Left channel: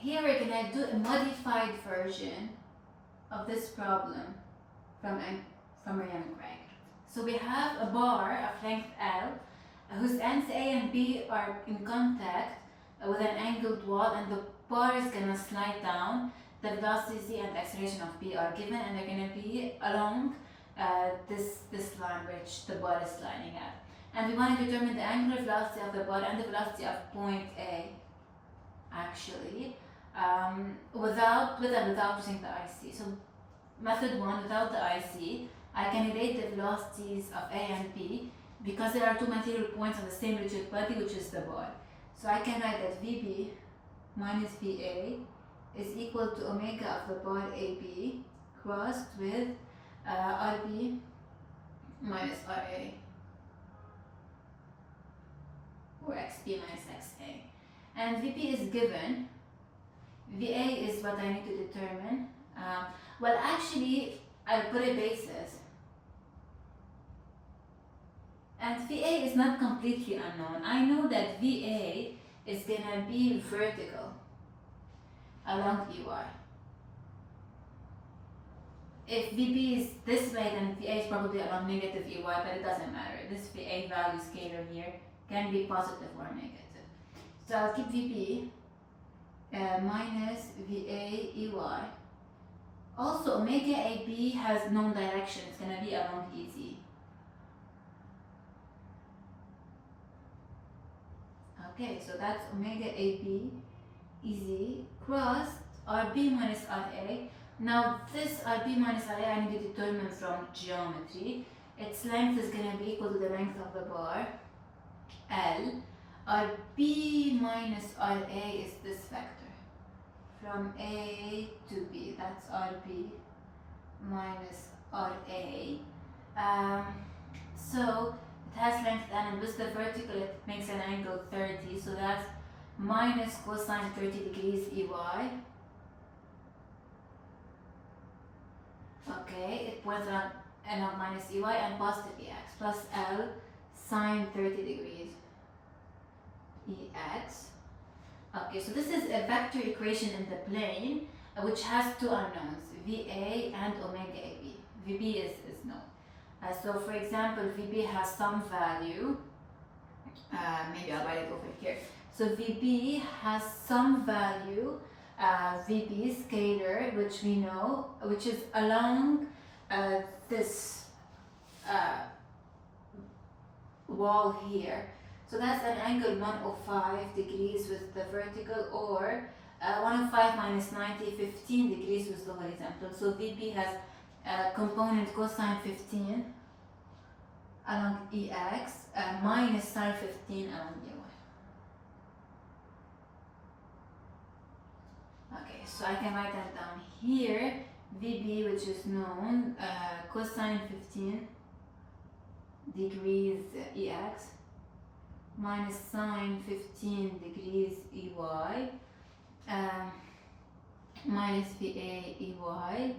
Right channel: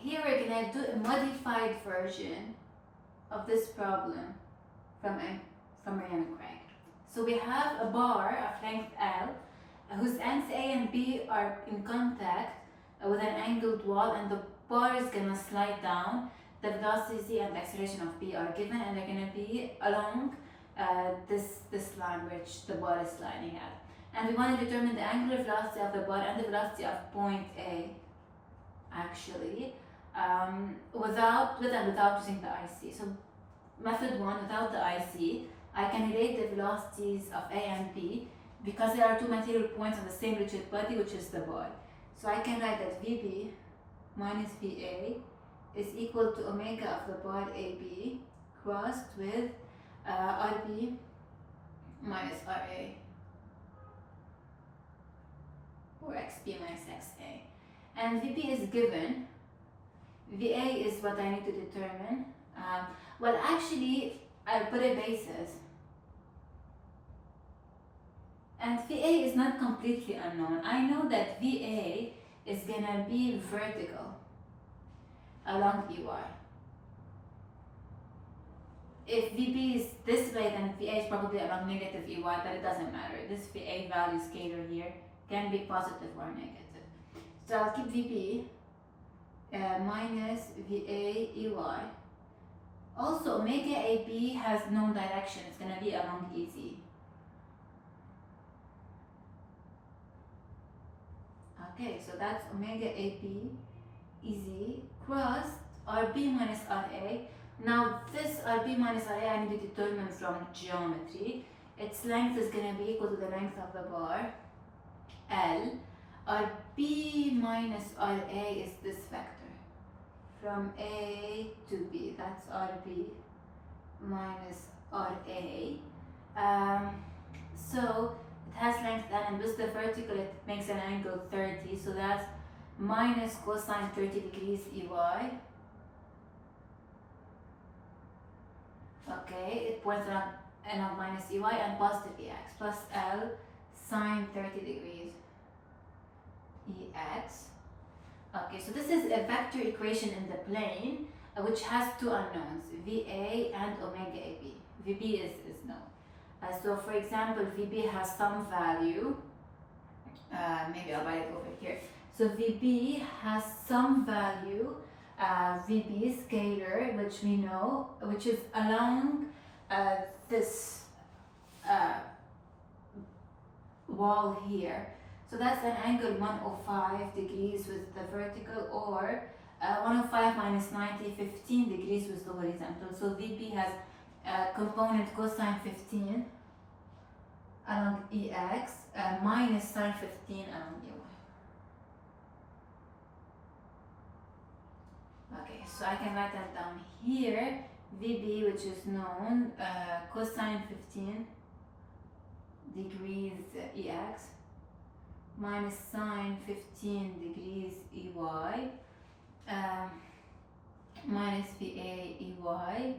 here we're gonna do a modified version of this problem from Ryan and Craig. So we have a bar of length L whose ends A and B are in contact with an angled wall, and the bar is gonna slide down. The velocity Z and the acceleration of B are given, and they're gonna be along this line which the bar is sliding at. And we want to determine the angular velocity of the bar and the velocity of point A, actually, with and without using the IC. So method 1, without the IC, I can relate the velocities of A and B because there are two material points on the same rigid body, which is the bar. So I can write that VB minus VA is equal to omega of the bar AB crossed with RB minus RA, or XB minus XA. And VB is given, VA is what I need to determine. Well, actually, I'll put a basis. And VA is not completely unknown. I know that VA is gonna be vertical along EY. If VB is this way, then VA is probably along negative EY, but it doesn't matter. This VA value scalar here can be positive or negative. So I'll keep VB minus VA EY. Also, omega AB has known direction. It's going to be along EZ. Okay, so that's omega AB EZ crossed RB minus RA. Now this RB minus RA I need to determine from geometry. Its length is going to be equal to the length of the bar, L. RB minus RA is this vector from A to B. That's RB minus RA. So it has length L, and with the vertical it makes an angle 30. So that's minus cosine 30 degrees EY. Okay, it points along minus EY and positive EX plus L sine 30 degrees EX. Okay, so this is a vector equation in the plane which has two unknowns, VA and omega AB. VB is known. So for example, VB has some value, maybe I'll write it over here. So VB has some value, VB scalar, which we know, which is along this wall here. So that's an angle 105 degrees with the vertical, or 105 minus 90, 15 degrees with the horizontal. So VB has a component cosine 15 along EX minus sine 15 along EY. Okay, so I can write that down here. VB, which is known, cosine 15 degrees EX minus sine 15 degrees EY minus VA EY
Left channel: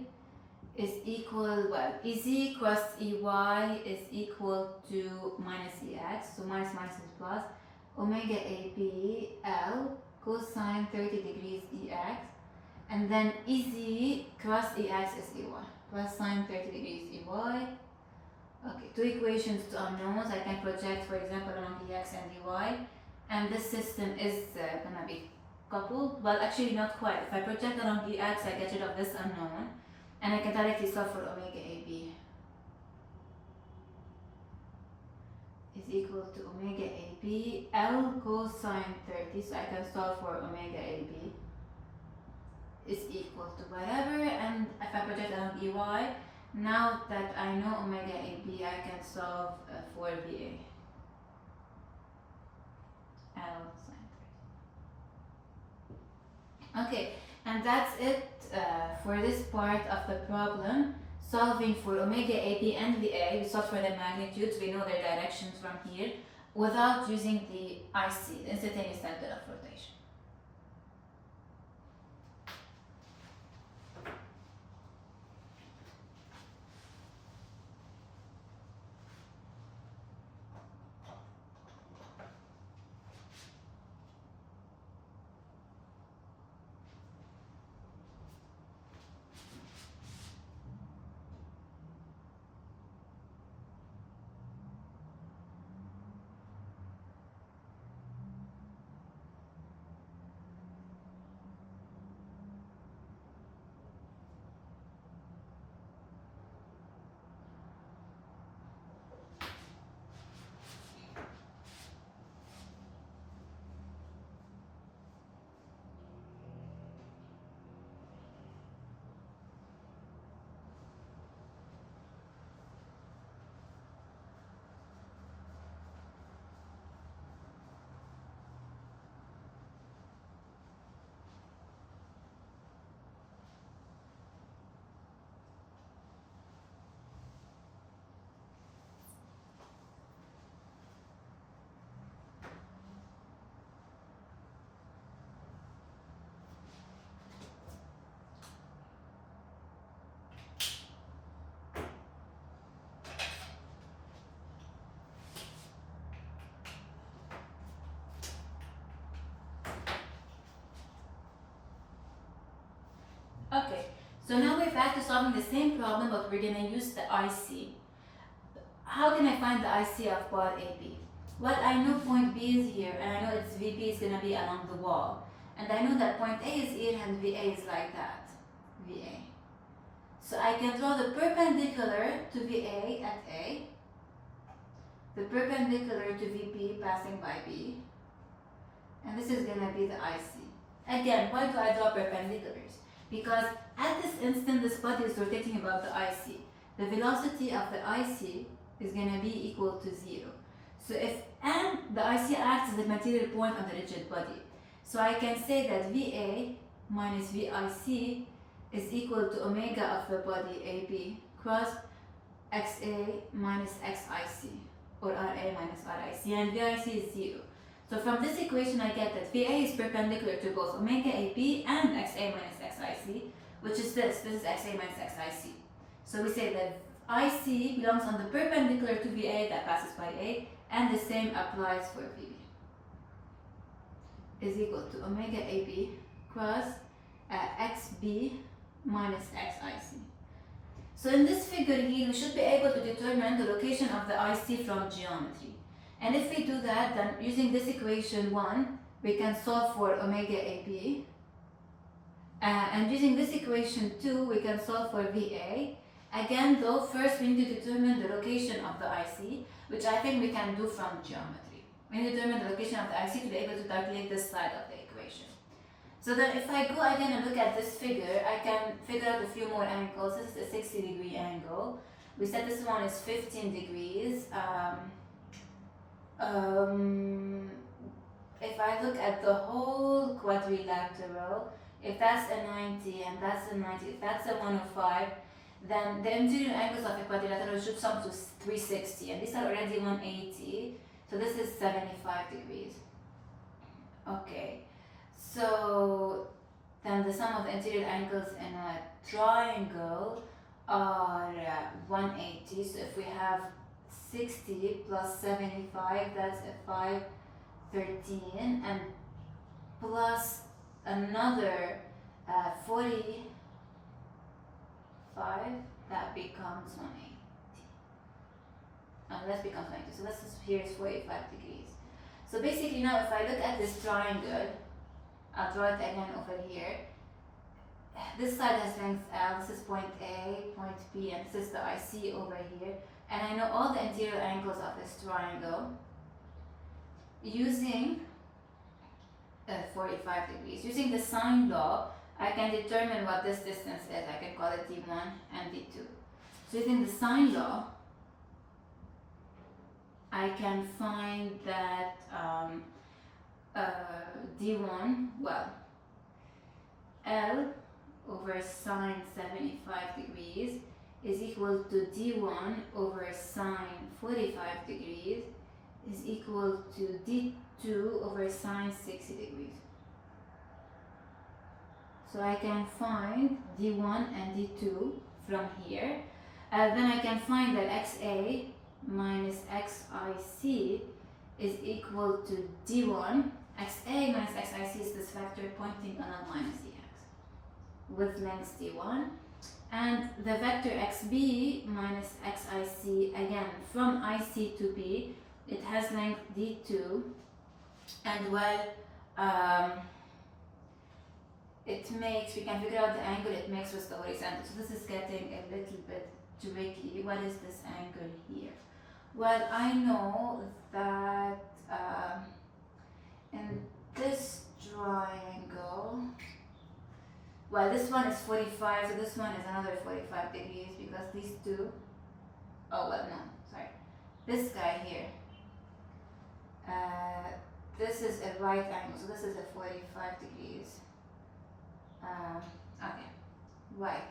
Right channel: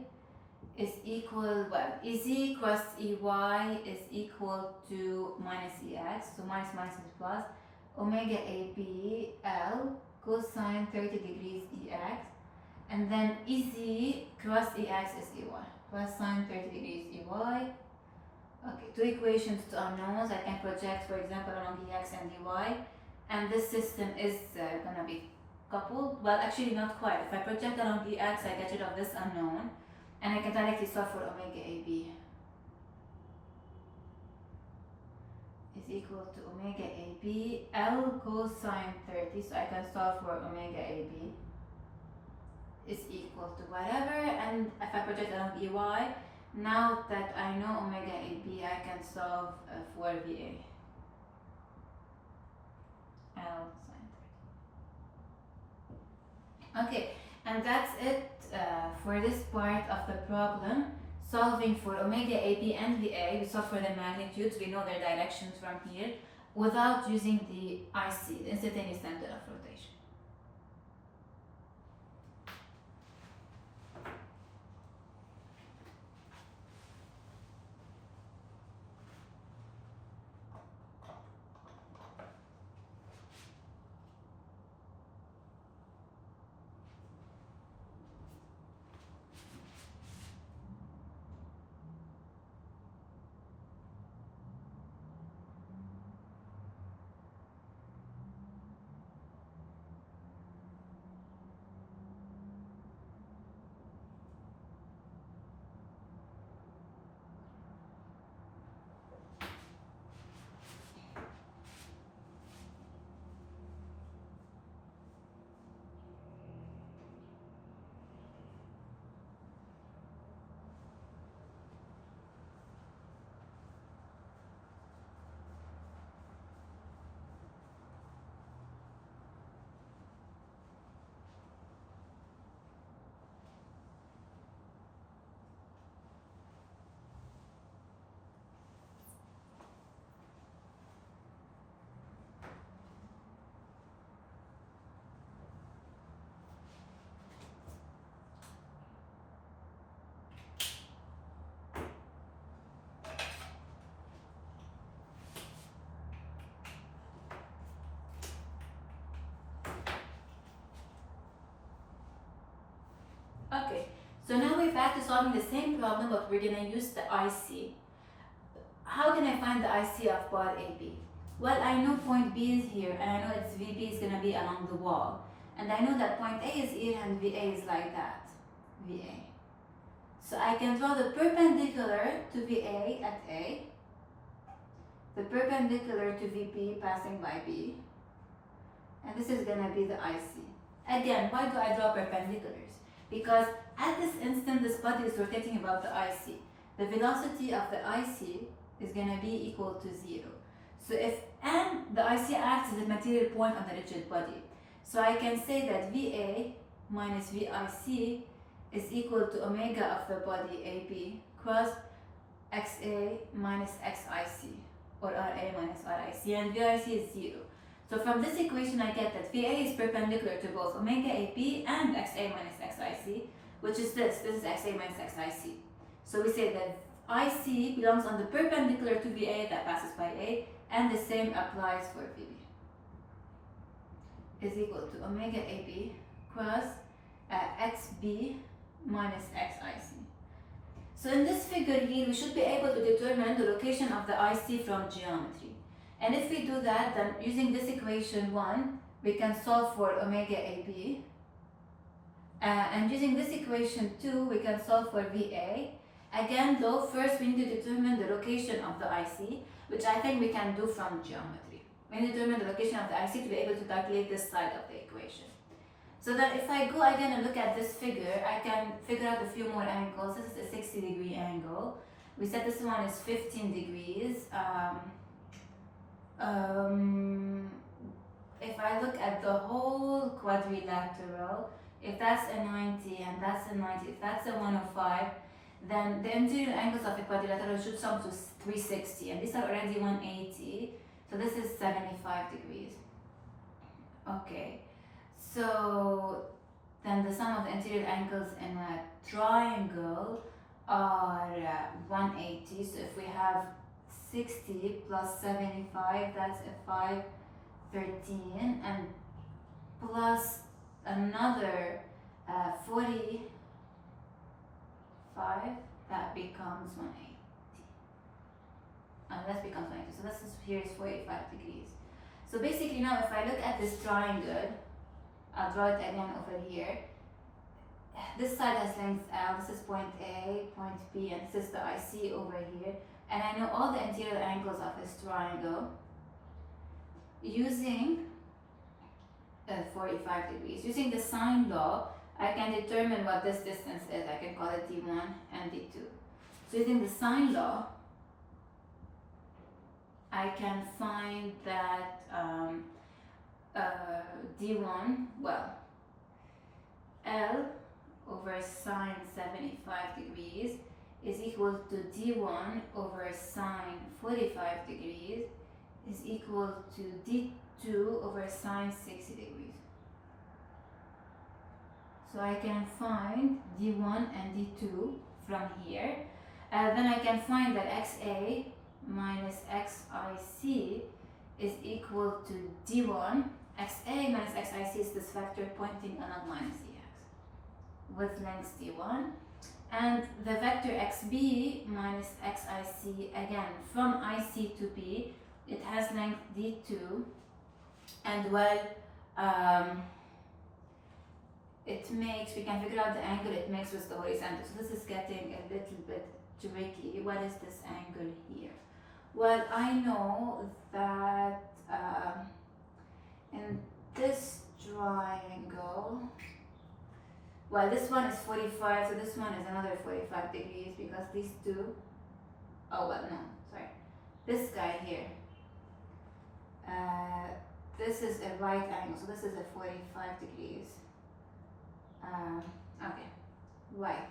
is equal, well, EZ cross EY is equal to minus EX, so minus minus is plus, omega AB L cosine 30 degrees EX, and then EZ cross EX is EY, plus sine 30 degrees EY. Okay, two equations, two unknowns. I can project, for example, along EX and EY, and this system is gonna be coupled. Well, actually not quite. If I project along EX, I get rid of this unknown, and I can directly solve for omega AB is equal to omega AB L cosine 30. So I can solve for omega AB is equal to whatever, and if I project along EY, now that I know omega AB, I can solve for VA. L sine 30. Okay, and that's it for this part of the problem. Solving for omega AB and VA, we solve for the magnitudes, we know their directions from here, without using the IC, the instantaneous center of rotation. Okay, so now we're back to solving the same problem, but we're gonna use the IC. How can I find the IC of part AB? Well, I know point B is here, and I know its VP is gonna be along the wall. And I know that point A is here and VA is like that, VA. So I can draw the perpendicular to VA at A, the perpendicular to VP passing by B, and this is gonna be the IC. Again, why do I draw perpendiculars? Because at this instant, this body is rotating about the IC. The velocity of the IC is gonna be equal to 0. So and the IC acts as a material point on the rigid body. So I can say that VA minus VIC is equal to omega of the body AB cross XA minus XIC, or RA minus RIC, and VIC is 0. So from this equation I get that VA is perpendicular to both omega AB and XA minus XIC, which is this is XA minus XIC. So we say that IC belongs on the perpendicular to VA that passes by A, and the same applies for VB. Is equal to omega AB cross XB minus XIC. So in this figure here, we should be able to determine the location of the IC from geometry. And if we do that, then using this equation 1, we can solve for omega AB. And using this equation 2, we can solve for VA. Again though, first we need to determine the location of the IC, which I think we can do from geometry. We need to determine the location of the IC to be able to calculate this side of the equation. So then if I go again and look at this figure, I can figure out a few more angles. This is a 60-degree angle. We said this one is 15 degrees. If I look at the whole quadrilateral, if that's a 90 and that's a 90, if that's a 105, then the interior angles of the quadrilateral should sum to 360, and these are already 180, so this is 75 degrees. Okay, so then the sum of the interior angles in a triangle are 180, so if we have 60 plus 75, that's a 513, and plus another 45, that becomes 180. That becomes 90. So this is here is 45 degrees. So basically now if I look at this triangle, I'll draw it again over here. This side has length L, this is point A, point B, and this is the IC over here. And I know all the interior angles of this triangle using 45 degrees. Using the sine law, I can determine what this distance is. I can call it D1 and D2. So using the sine law, I can find that D1, well, L over sine 75 degrees is equal to D1 over sine 45 degrees is equal to D2 over sine 60 degrees. So I can find D1 and D2 from here. Then I can find that XA minus XIC is equal to D1. XA minus XIC is this vector pointing along minus DX with length D1. And the vector XB minus XIC, again, from IC to B, it has length D2. And well, it makes, we can figure out the angle it makes with the horizontal. So this is getting a little bit tricky. What is this angle here? Well, I know that in this triangle, well, this one is 45, so this one is another 45 degrees because these two, oh, well, no, sorry. This guy here, this is a right angle, so this is a 45 degrees. Okay, right.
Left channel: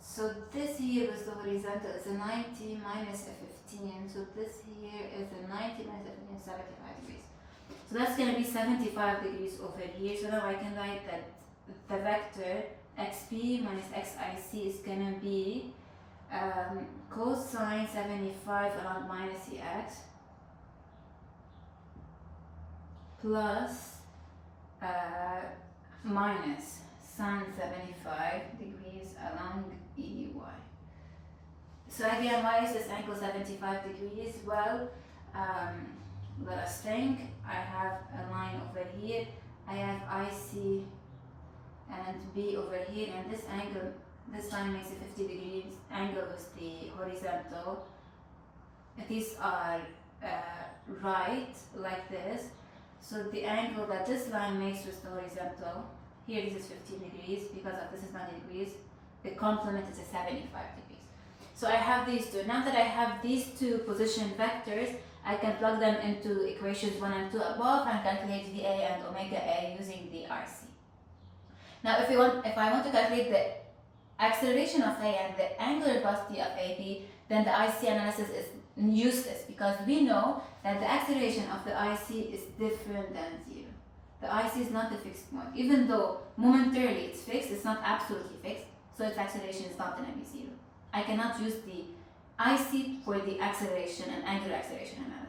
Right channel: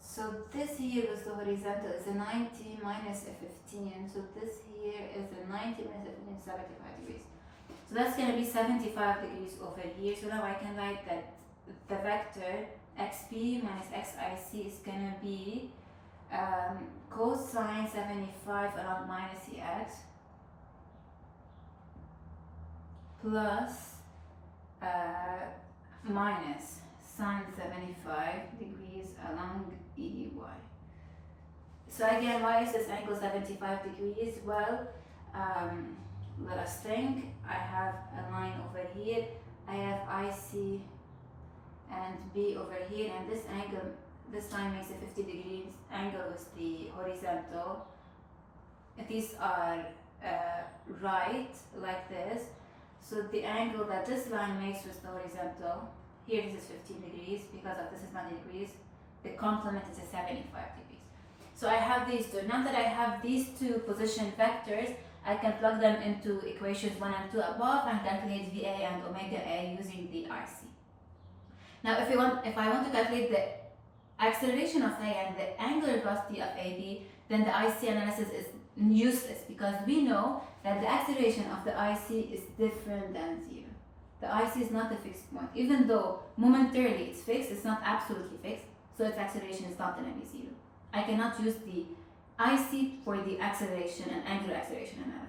So this here is the horizontal, it's a 90 minus a 15, so this here is a 90 minus a 15, 75 degrees. So that's going to be 75 degrees over here, so now I can write that the vector xp minus xic is going to be cosine 75 along minus ex plus minus sine 75 degrees along EY. So again, why is this angle 75 degrees? Well, let us think. I have a line over here. I have IC and B over here, and this angle, this line makes a 50 degrees angle with the horizontal. These are right, like this. So the angle that this line makes with the horizontal, here this is 15 degrees, because of this is 90 degrees, the complement is a 75 degrees. So I have these two. Now that I have these two position vectors, I can plug them into equations 1 and 2 above and calculate VA and omega A using the RC. Now if I want to calculate the acceleration of A and the angular velocity of AB, then the IC analysis is useless, because we know that the acceleration of the IC is different than 0. The IC is not a fixed point. Even though momentarily it's fixed, it's not absolutely fixed, so its acceleration is not going to be 0. I cannot use the IC for the acceleration and angular acceleration analysis.